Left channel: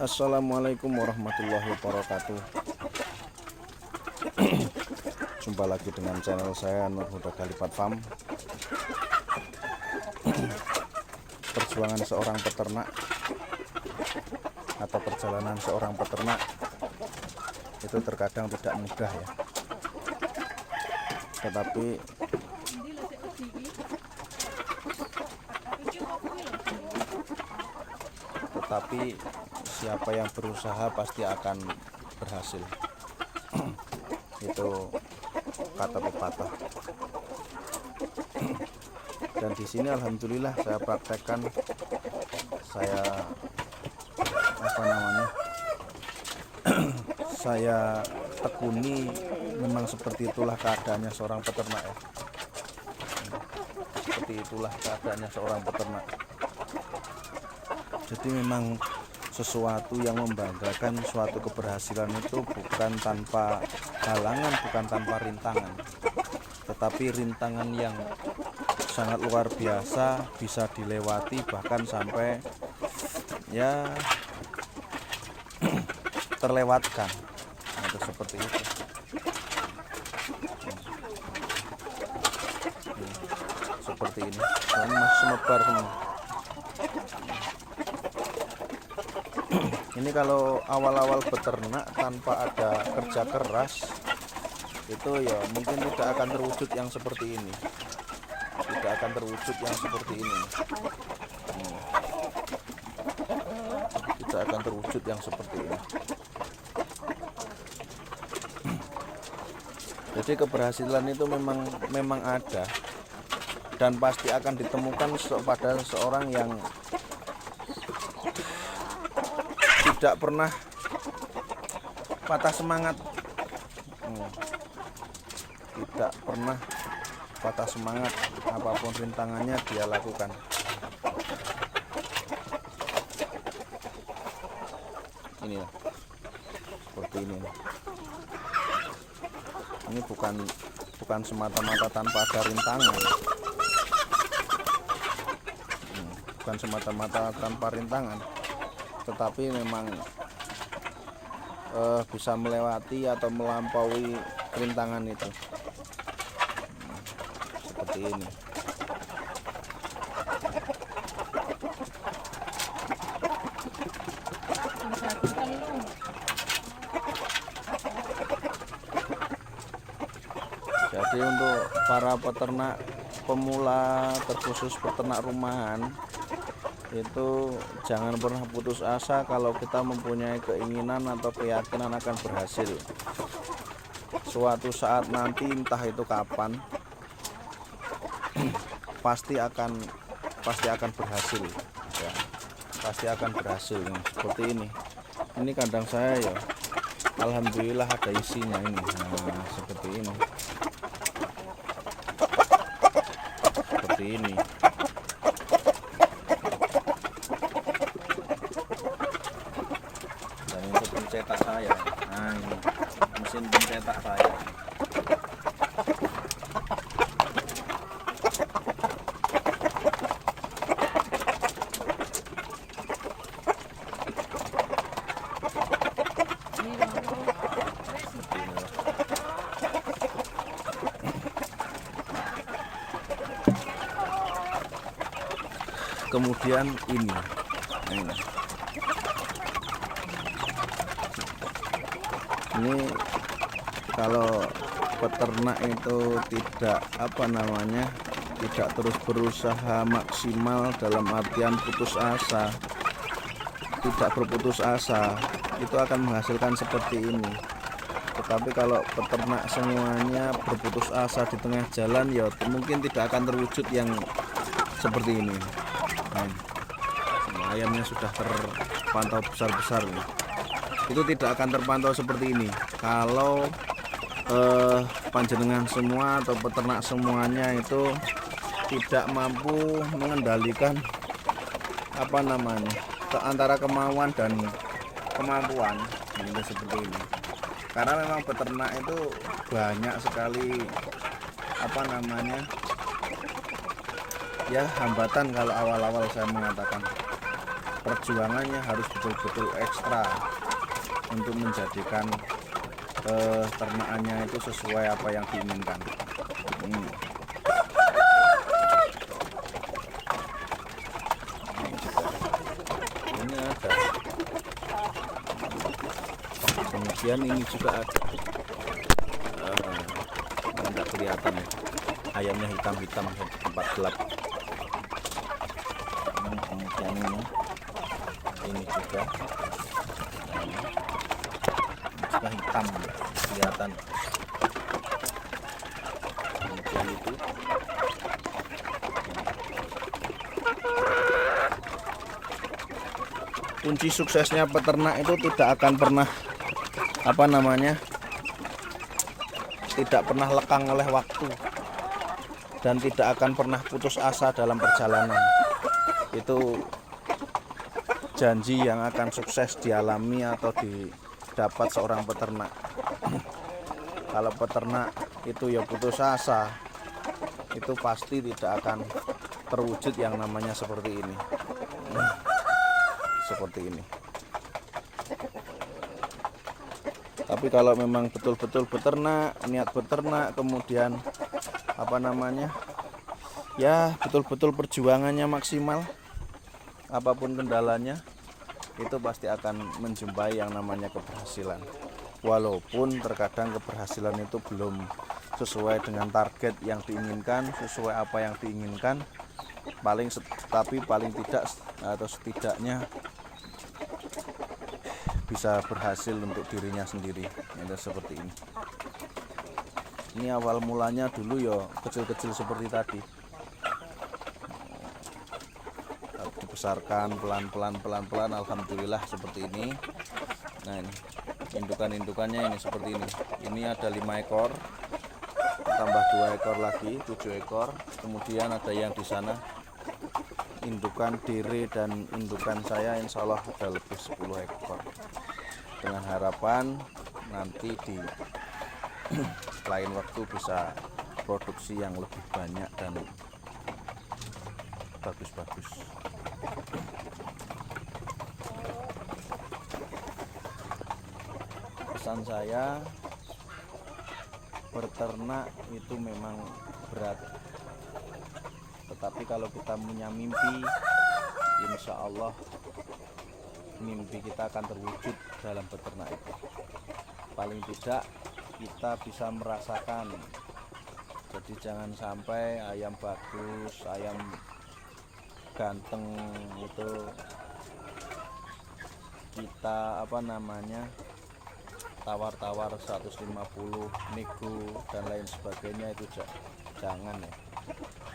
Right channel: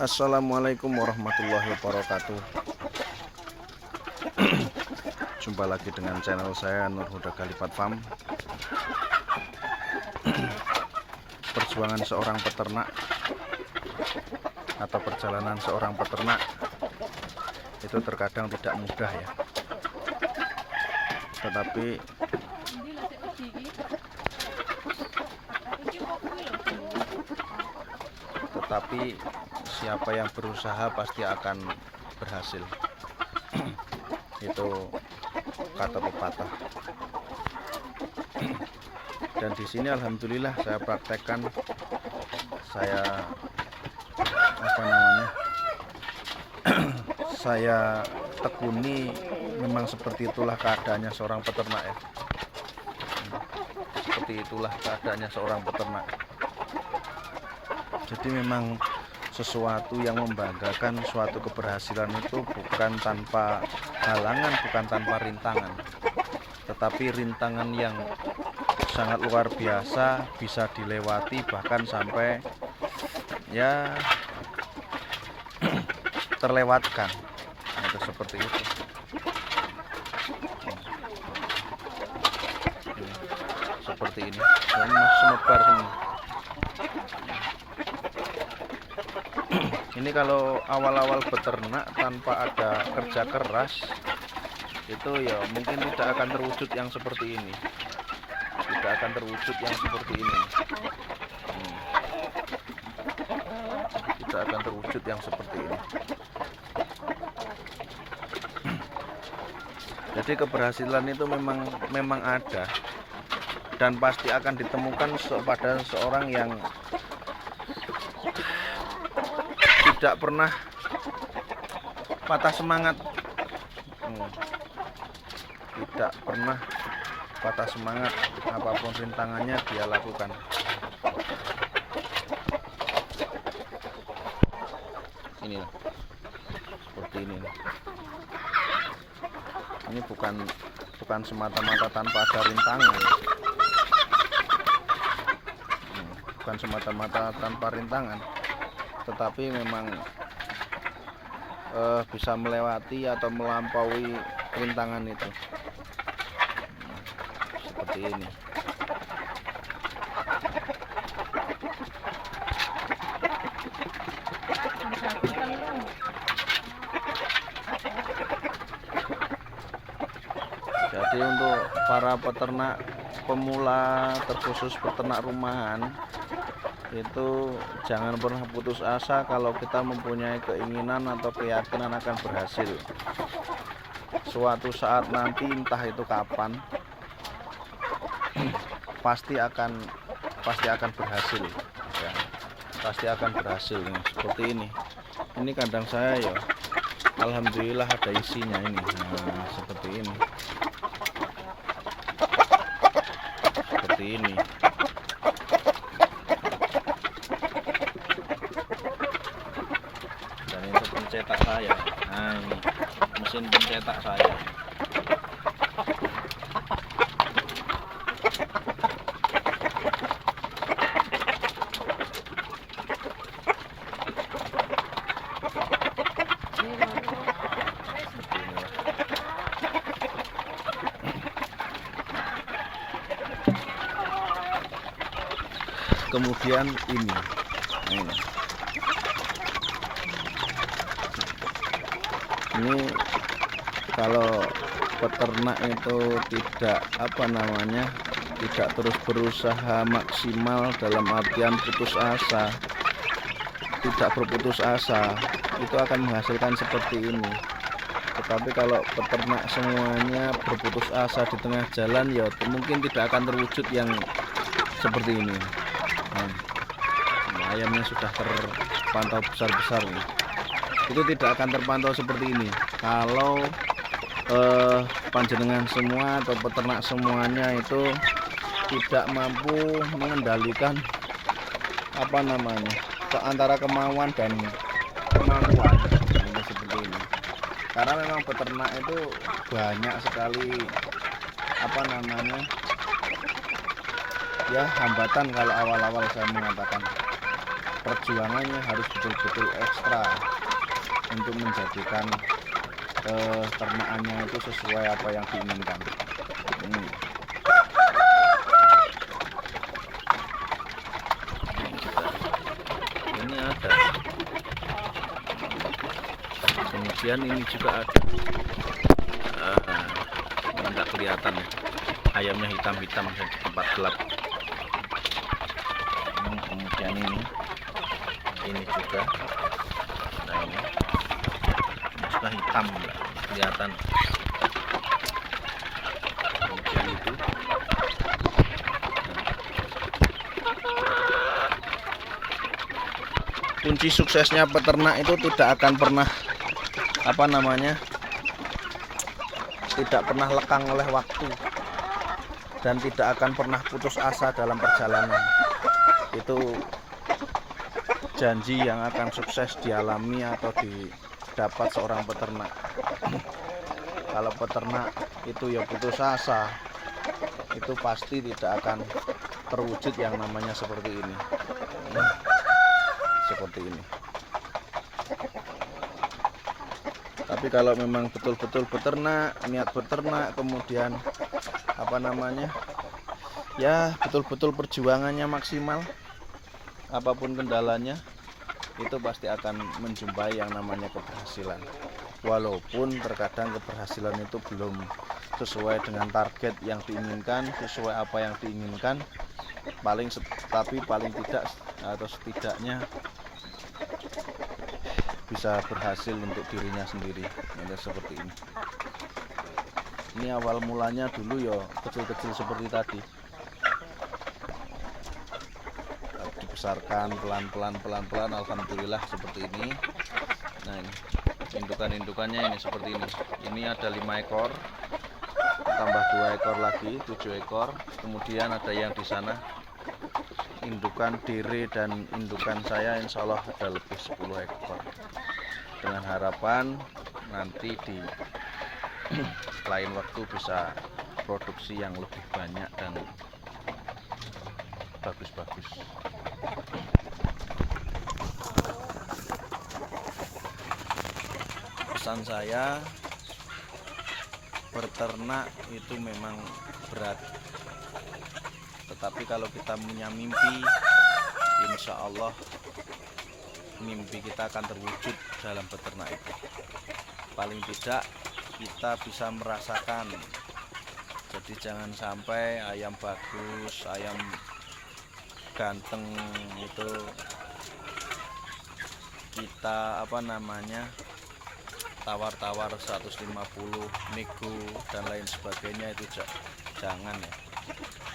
Assalamualaikum warahmatullahi wabarakatuh. Jumpa lagi dengan channel saya Nur Huda Khalifat Farm. Perjuangan seorang peternak atau perjalanan seorang peternak itu terkadang tidak mudah ya. Tetapi siapa yang berusaha pasti akan berhasil. Itu kata pepatah. Dan di sini alhamdulillah saya praktekkan, saya saya tekuni, memang seperti itulah keadaannya seorang peternak ya. Seperti itulah keadaannya seorang peternak. Jadi memang sesuatu yang membanggakan, suatu keberhasilan itu bukan tanpa halangan, bukan tanpa rintangan, tetapi rintangan yang sangat luar biasa bisa dilewati, bahkan sampai ya terlewatkan. Nah, itu seperti itu. Seperti ini, semebar semua. Ini kalau awal-awal beternak tanpa ada kerja keras, itu ya mungkin tidak akan terwujud yang seperti ini. Tidak akan terwujud yang seperti ini. Tidak akan terwujud yang seperti ini. Jadi keberhasilan itu memang ada, dan pasti akan ditemukan pada seorang yang tidak pernah patah semangat, tidak pernah patah semangat, apapun rintangannya dia lakukan. Inilah seperti ini. Ini bukan semata-mata tanpa ada rintangan, bukan semata-mata tanpa rintangan, tetapi memang bisa melewati atau melampaui rintangan itu. Seperti ini. Jadi untuk para peternak pemula, terkhusus peternak rumahan, itu jangan pernah putus asa kalau kita mempunyai keinginan atau keyakinan akan berhasil. Suatu saat nanti, entah itu kapan, pasti akan berhasil ya, pasti akan berhasil. Seperti ini kandang saya ya, alhamdulillah ada isinya ini. Nah, seperti ini. Dan itu pencetak saya. Nah, ini mesin pencetak saya. Kemudian ini kalau peternak itu tidak tidak terus berusaha maksimal, dalam artian putus asa, tidak berputus asa, itu akan menghasilkan seperti ini. Tetapi kalau peternak semuanya berputus asa di tengah jalan, ya mungkin tidak akan terwujud yang seperti ini. Nah, ayamnya sudah terpantau besar-besar nih. Itu tidak akan terpantau seperti ini kalau panjenengan semua atau peternak semuanya itu tidak mampu mengendalikan antara kemauan dan kemampuan. Ini seperti ini. Karena memang peternak itu banyak sekali ya hambatan kalau awal-awal saya mengatakan. perjuangannya harus betul-betul ekstra untuk menjadikan ternakannya itu sesuai apa yang diinginkan. Ini ada, kemudian ini juga ada. Nggak kelihatan ya, ayamnya hitam-hitam di tempat gelap. Kemudian ini juga, nah ini sudah hitam, kelihatan. Kemudian itu kunci suksesnya peternak itu tidak akan pernah tidak pernah lekang oleh waktu dan tidak akan pernah putus asa dalam perjalanan. Itu janji yang akan sukses dialami atau didapat seorang peternak. Kalau peternak itu ya putus asa, itu pasti tidak akan terwujud yang namanya seperti ini. Seperti ini. Tapi kalau memang betul-betul beternak, niat beternak, kemudian ya betul-betul perjuangannya maksimal, apapun kendalanya, itu pasti akan menjumpai yang namanya keberhasilan. Walaupun terkadang keberhasilan itu belum sesuai dengan target yang diinginkan, sesuai apa yang diinginkan, tapi paling tidak atau setidaknya bisa berhasil untuk dirinya sendiri. Ini seperti ini. Ini awal mulanya dulu ya kecil-kecil seperti tadi. Dibesarkan pelan-pelan, alhamdulillah seperti ini. Nah ini indukan-indukannya ini seperti ini. Ini ada 5 ekor, tambah 2 ekor lagi, 7 ekor. Kemudian ada yang di sana indukan dere dan indukan saya, insya Allah ada lebih 10 ekor. Dengan harapan nanti di lain waktu bisa produksi yang lebih banyak dan bagus-bagus. Pesan saya, berternak itu memang berat, tetapi kalau kita punya mimpi, insya Allah mimpi kita akan terwujud dalam beternak itu. Paling tidak kita bisa merasakan. Jadi jangan sampai ayam bagus, ayam ganteng itu kita tawar-tawar 150 nego dan lain sebagainya, itu jangan ya.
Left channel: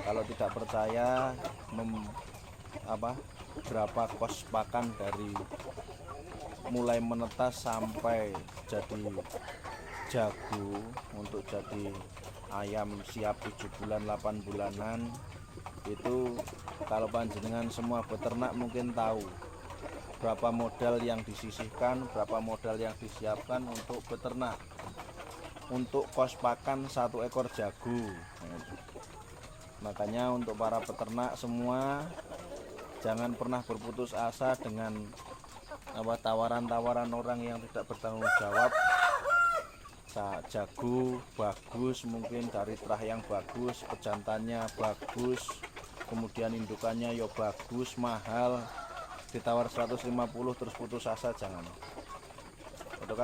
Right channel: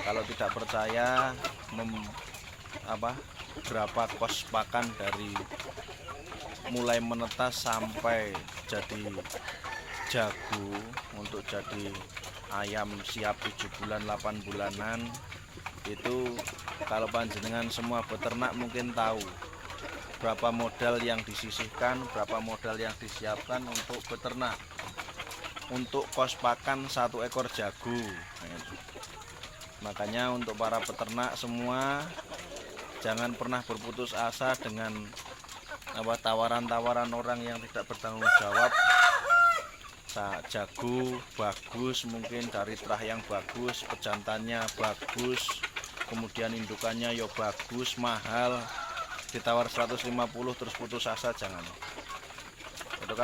Kalau tidak percaya berapa kos pakan dari mulai menetas sampai jadi jago untuk jadi ayam siap 7 bulan 8 bulanan, itu kalau panjenengan semua beternak mungkin tahu berapa modal yang disisihkan, berapa modal yang disiapkan untuk beternak, untuk kos pakan 1 ekor jago. Makanya untuk para peternak semua, jangan pernah berputus asa dengan tawaran-tawaran orang yang tidak bertanggung jawab. Jago bagus, mungkin dari terah yang bagus, pejantannya bagus, kemudian indukannya ya bagus, mahal, ditawar 150 terus putus asa, jangan. Itu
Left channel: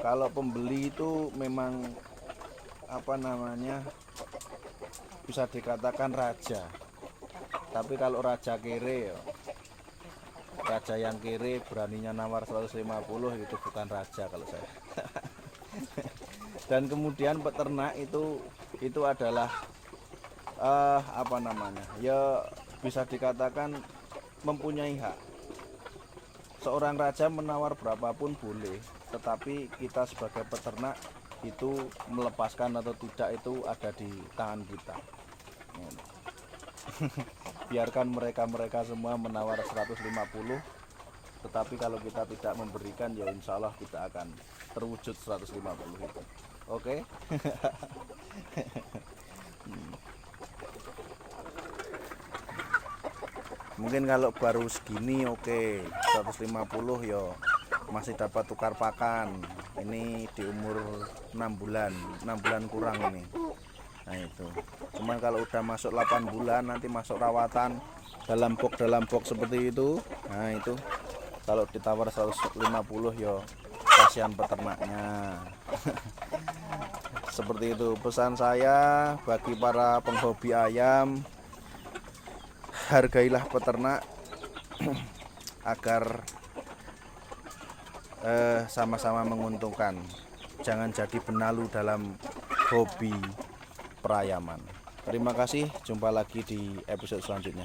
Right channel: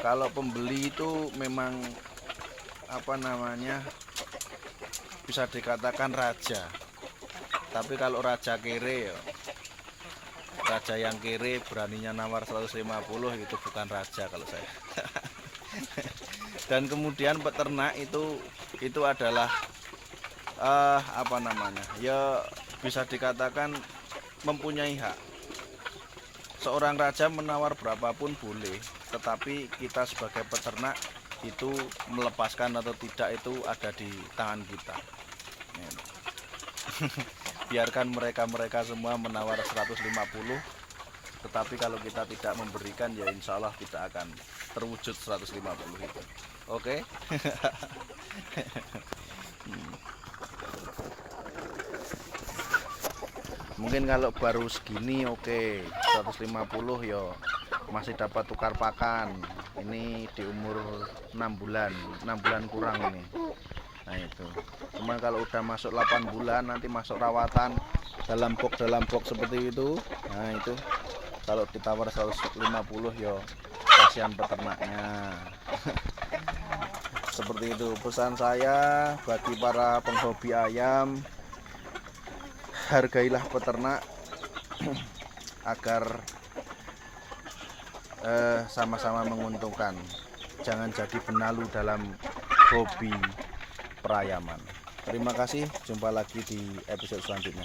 kalau pembeli itu memang bisa dikatakan raja. Tapi kalau raja kere, raja yang kere beraninya nawar 150, itu bukan raja kalau saya. Dan kemudian peternak itu adalah ya bisa dikatakan mempunyai hak. Seorang raja menawar berapapun boleh, tetapi kita sebagai peternak itu melepaskan atau tidak itu ada di tangan kita. Biarkan mereka semua menawar 150, tetapi kalau kita tidak memberikan, ya insya Allah tidak akan terwujud 150 itu. Oke? Mungkin kalau baru segini oke, 150 yo masih dapat tukar pakan. Ini di umur 6 bulan, 6 bulan kurang ini. Nah itu. Cuman kalau udah masuk 8 bulan nanti masuk rawatan dalam box seperti itu. Nah itu kalau ditawar 150 yo kasihan peternaknya. Seperti itu pesan saya bagi para penghobi ayam, hargailah peternak agar sama-sama menguntungkan. Jangan jadi benalu dalam hobi perayaman. Terima kasih, jumpa lagi di episode selanjutnya.